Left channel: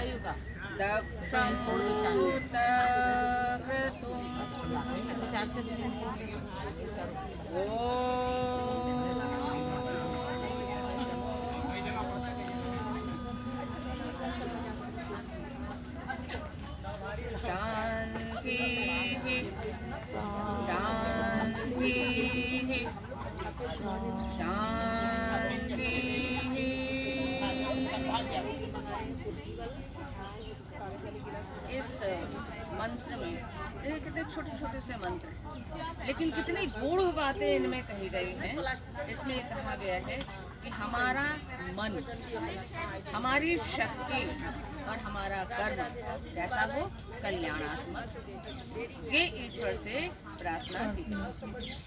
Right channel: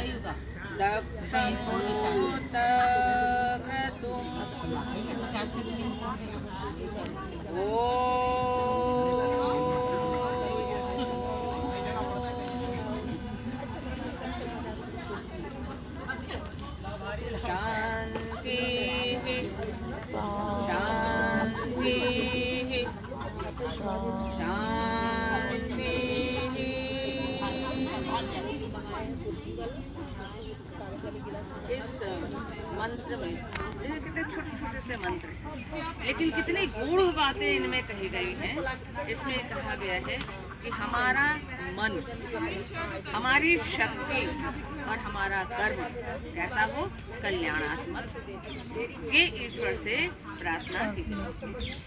दक्षं शांति शांति शांति। इस मंत्र में ये कितने छोटे छोटे से मंत्र हैं, लेकिन कितनी गूढ़ बातें इनमें कही गई हैं। इसमें कहा गया है कि हमारा मन, हमारी शक्ति और हमारा कर्म कैसा हो, कल्याणात्मक। ये ईश्वर से प्रार्थना की गई।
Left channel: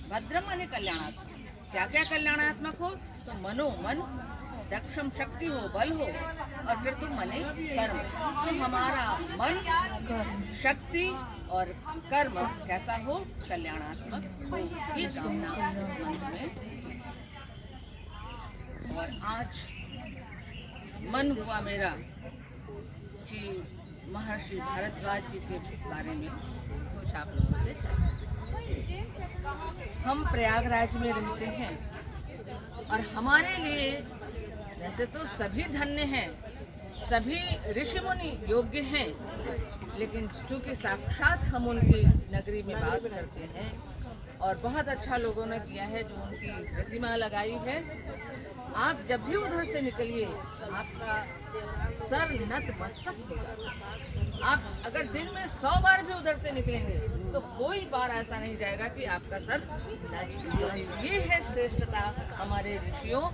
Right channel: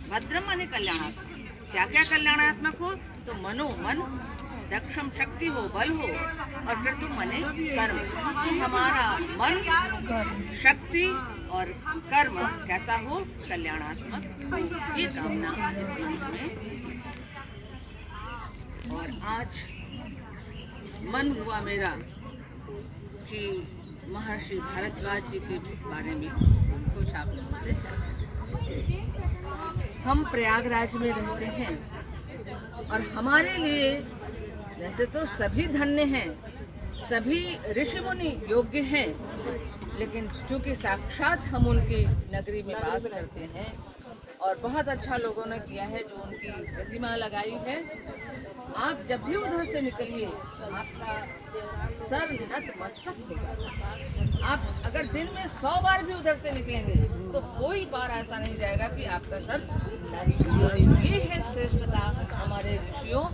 भद्रम माने कल्याणात्मक। क्या क्या कल्याणात्मक हो, तो मन दक्षम शक्ति हो, बल हो, और फिर तुम मने कर्म। तो हमारा मन, शक्ति और कर्म कैसा हो, कल्याणात्मक हो, ये कामना इस मंत्र में। और आज मन हुआ मेरा कि महर्षि भारद्वाज जी के बारे में कुछ आप लोगों से चर्चा। हम प्रयागराज में रहते हैं और हमारे लिए वैसे तो सभी धन्य हैं, सभी ऋषि मुनि योग्य हैं, लेकिन चूंकि साक्षात हम उनकी नगरी में वास करते हैं और बहुत अच्छा लोगों ने किया है जो उनकी प्रतिमा लगाई है। आप जब भी उधर से निकलिए आपका सर नत मस्तक होगा। आप अगर दिन में 100 बार भी उधर से निकलेंगे तो कोई बार ऐसा नहीं जाएगा कि आपका सर नत। ये है श्रेष्ठता हमारे ऋषियों।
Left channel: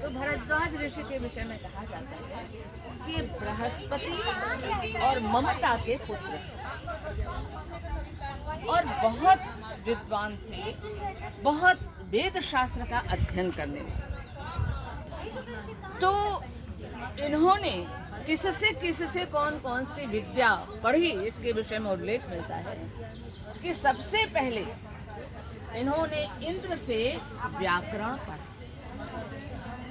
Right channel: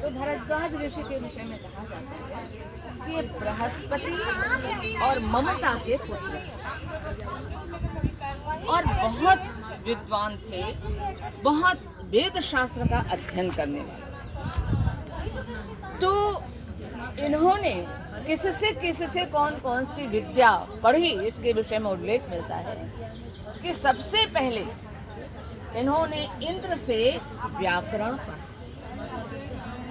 तो भारद्वाज ऋषि के विषय में कहा जाता है कि ये बृहस्पति और ममता के पुत्र और बहुत विद्वान थे, बहुत वेद शास्त्र का अध्ययन करने में। तो इन्होंने किससे कौन कौन सी विद्या पढ़ी, इसके विषय में उल्लेख मिलता है कि सबसे पहले इन्होंने इंद्र से व्याकरण पढ़ा।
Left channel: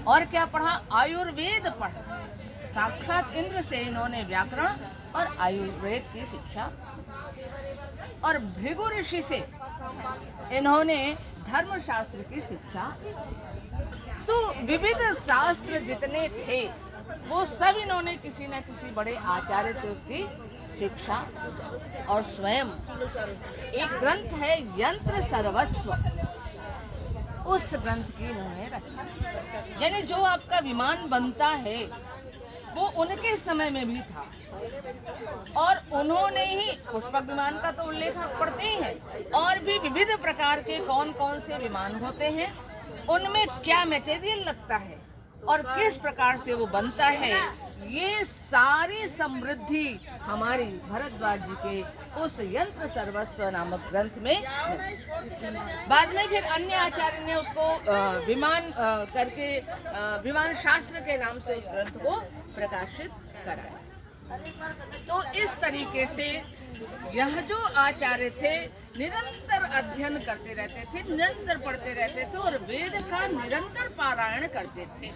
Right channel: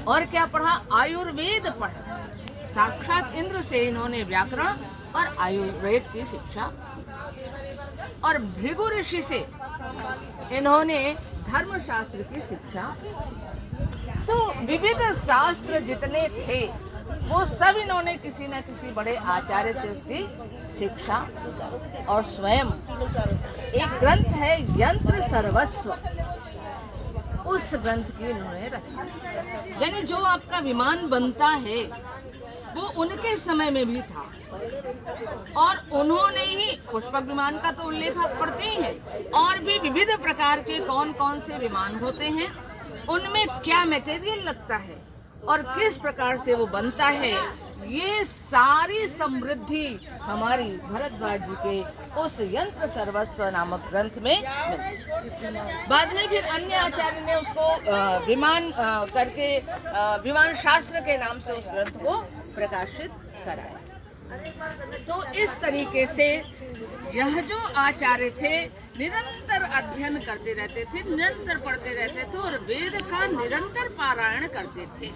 और क्या पढ़ा? आयुर्वेद पढ़ा। साक्षात इंद्र से इन्होंने व्याकरण और आयुर्वेद की शिक्षा। और भृगु ऋषि से इन्होंने धर्मशास्त्र की शिक्षा। तो विविध शास्त्र जितने थे वो सब इन्होंने किसी न किसी बड़े आचार्य से उसकी शिक्षा। और स्वयं एक ग्रंथ है यंत्र सर्वस्व, उस ग्रंथ की उन्होंने रचना। यानी जो आपका विमान बनता है वो उनके समय में भी था और उन्होंने ही पुष्पक विमान का तो उल्लेख आप पढ़ते ही हैं। और भी विविध प्रकार के कौन कौन से विमान होते हैं, उनमें क्या मटेरियल लगता है और किस प्रकार से वो बनता है, ये सारी समृद्धि हमारी भारद्वाज जी के उस यंत्र सर्वस्व नामक ग्रंथ में मिलती। बाद में फिर अन्य आचार्य ने उसको विमान करके विमान शास्त्र के नाम से उस ग्रंथ को प्रकाशित कराया। तो इस तरीके से यह जो आचार्य थे निरंतर अध्ययन करते रहते थे, निरंतर पढ़ते रहते थे और वेद का निरंतर पारायण करते थे।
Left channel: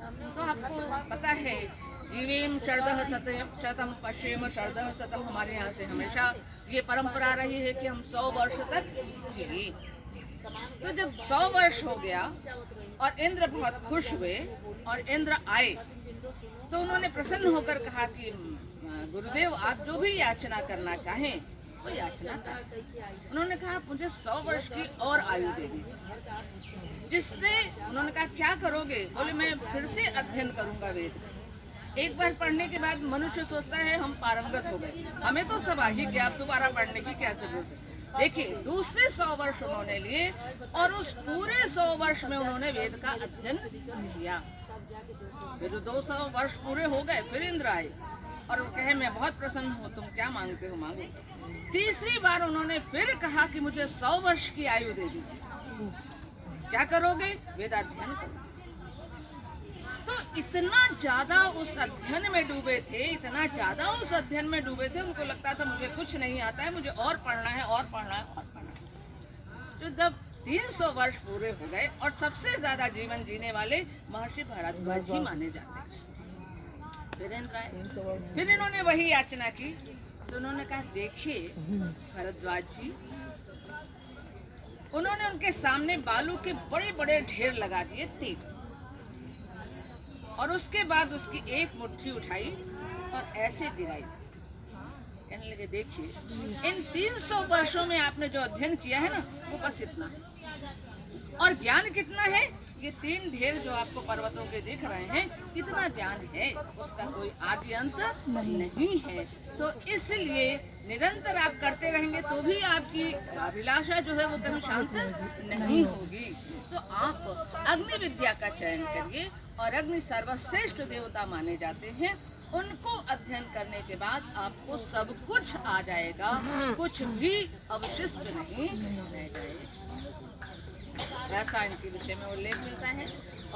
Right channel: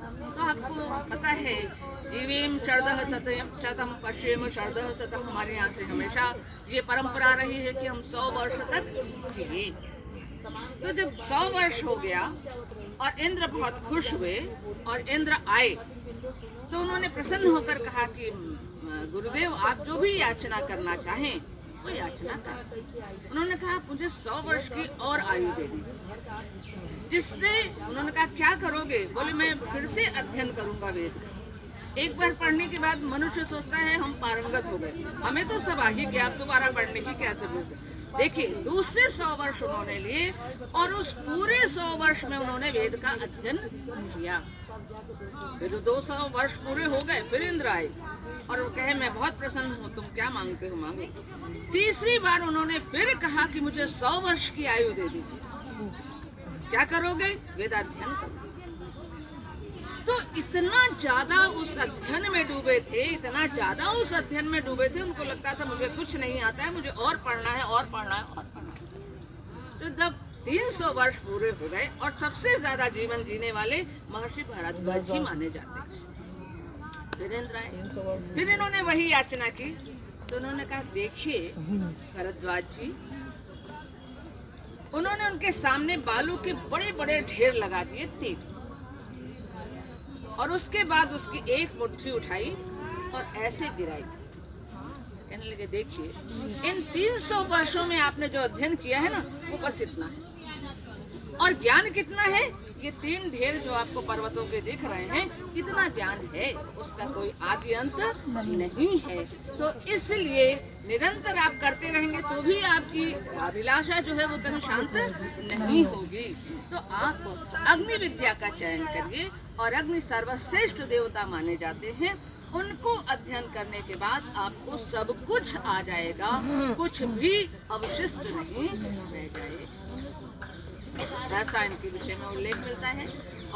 तो आपको पता है जीवेम शरदः शतम पश्येम शरदः शतम, हमारे यहाँ से हमेशा ये परंपरा रही है कि हम 100 वर्ष तक जिए। तो जब 100 वर्ष हो गया और इंद्र बहुत खुश हुए और इंद्र आए तो उन्होंने प्रसन्न होकर कहा कि गुरुदेव आप जो भी याचना करना चाहें वो याचना कर। उन्होंने कहा मुझे 100 वर्ष की और आयु दे दीजिए। जिससे उन्होंने कहा क्या करोगे? बोले मैं फिर से अध्ययन करूंगा वेद का। एक बार पढ़ने के बाद मनुष्य सोचता है हम पारंगत हो गए, हमें तो सब आ ही गया, आप दोबारा पढ़ने की क्या जरूरत है। देखिए दूसरे 100 वर्ष उन्होंने लिए और उस पूरे 100 वर्ष में उन्होंने वेद का अध्ययन किया। फिर 200 वर्ष पूरे हो गए, फिर इंद्र आए और वो कहे मैं बहुत प्रसन्न हूँ, तुम क्या मांगते हो मांगो। तीसरी बार उन्होंने फिर कहा कि मुझे 100 वर्ष की आयु दे दीजिए। क्या करोगे? वेदाध्ययन करो। तो इतना ज्यादा उस अध्ययन में डूबे थे, इतना ज्यादा उस अध्ययन में डूबे थे, उनको लगता था मुझे कुछ नहीं आता है, मुझे और पढ़ना है और पढ़ना है और पढ़ना है। तो जब 300 वर्ष पूरे हो गए और सबसे ज्यादा जीवन जीने वाले महर्षि भारद्वाज ही माने जाते हैं। फिर इंद्र आए, फिर इन्होंने वही याचना की। तो उन्होंने कहा देखिए भरद्वाज जी, उन्होंने उनके सामने बालू के बड़े बड़े ढेर लगा दिए 3, और उसके बाद उसकी एक मुट्ठी उठाई और ऐसे गिराई। कहने लगे देखिए इन 300 वर्षों में आपने जो अध्ययन किया है ना वो बस इतना है, और ज्ञान कितना है, ये 3 ढेर जो आपको पर्वतों के दिख रहे हैं, कितना ज्ञान है, उसका कोई आदि अंत नहीं है। तो इसलिए निरंतर आप करते रहेंगे तो भी आपकी अभिलाषा जो है वो कहीं शांत नहीं होगी। तो आप अग्नि विद्या का चयन करिए, और अग्नि सर्वश्रेष्ठ देवता माने जाते हैं। उनको अध्ययन करने के बाद आपको सब कुछ आ जाएगा, कुछ भी अवशिष्ट नहीं रह जाएगा। ऐसा इनके विषय में उल्लेख मिलता है।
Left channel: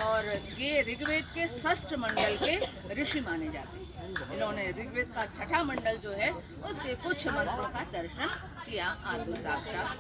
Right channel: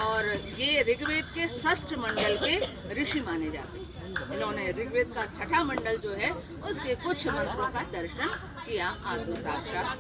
और ये ऋग्वेद के 6ठ मंडल के ऋषि माने जाते हैं। इन्होंने ऋग्वेद का 6ठा मंडल जो है उसके कुछ मंत्रों का दर्शन किया आत्म साक्षात।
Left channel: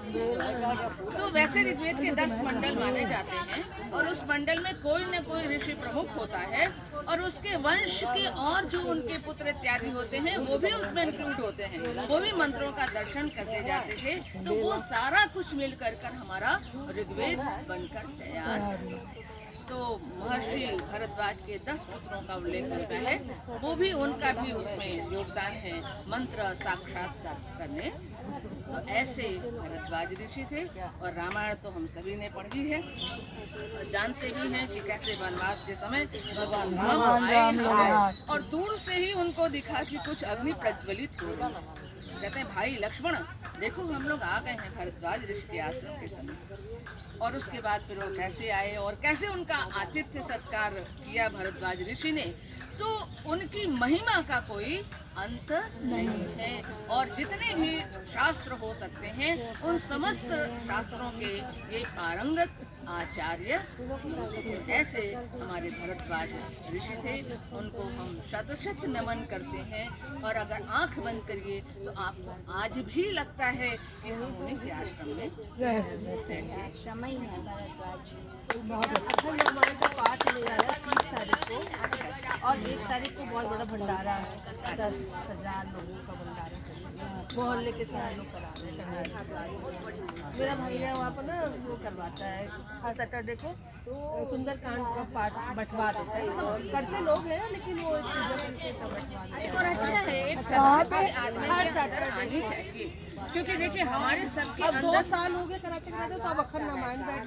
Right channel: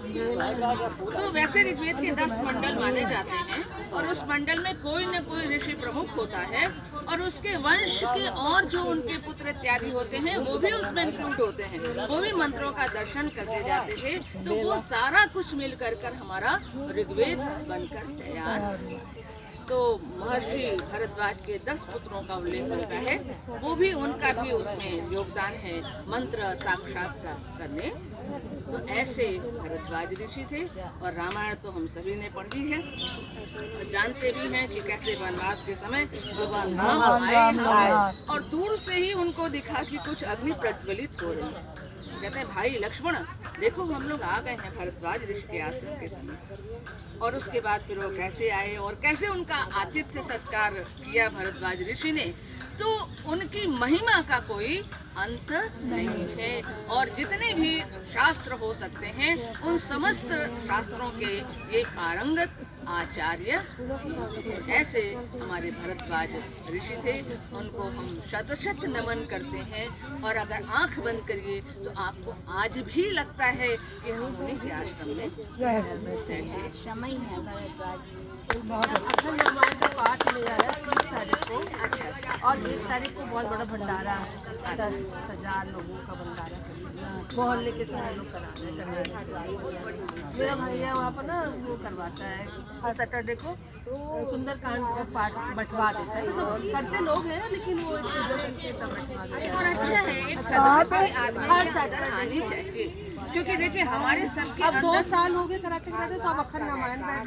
तो वैसे ऋग्वेद के 10 मंडल माने जाते हैं, और उस मंडल में कोई न कोई ऋषि प्रमुख होता है, और उसके वंश के और जो उनके पुत्र इत्यादि होते हैं वो भी उसमें इंक्लूड होते हैं, वो भी मंत्रों का दर्शन करके जाते थे। तो वो सारा कुछ मिल कर हमारा ऋग्वेद बनकर तैयार। तो महर्षि भरद्वाज के 10 पुत्रों का उल्लेख होता है, वो भी उनका भी उसमें योगदान है मंत्र साक्षात्कार करने। तो ऐसे भरद्वाज ऋषि थे, और रामायण तो हम सभी ने पढ़ी है, जानते भी हैं कि कैसे वनवास के समय भगवान राम आए, और दूर से ही उनको दिखा कि कुछ अग्नि प्रज्वलित हो रही है। कहते हैं भाई लक्ष्मण देखो हम लोग आ गए हैं भरद्वाज ऋषि के आश्रम के समय। और उसके बाद फिर वो कैसे आए और कैसे उनका आतिथ्य सत्कार किया भरद्वाज ऋषि ने, तो उनकी महिमा का कोई अंत नहीं है। और जितने भी शास्त्र हो सकते हैं उन समस्त शास्त्रों के ये पारंगत आचार्य थे। ऐसे हमारे भरद्वाज ऋषि थे, उनको हम शत शत नमन करते हैं। और अगर आंख बंद करिए तो आपको आज भी लगता है कि हम उन्हीं के आश्रम में समय है भरद्वाज। अखंड रामायण का पाठ ले आया 30 तारीख को, और 1 तारीख को बहुत बड़ा भंडारा, 10,000 लोगों का भंडारा मोहल्ले के सारे लोग करा रहे हैं। मेरा भैया वहाँ पर ना वो करवाता है, हर सैटरडे को सुंदरकांड का पाठ बैठवा देता है। तो करते लोग हैं लेकिन वो एक पूजा करके तब बैठवा देते हैं। और अच्छा है एक सदभावी आदमी हर की अंदर आनी चाहिए, क्योंकि देखिए हमारे सबके अब 2 अंदर साल हो गए कराते कराते, तो अब अखंड रामायण बैठ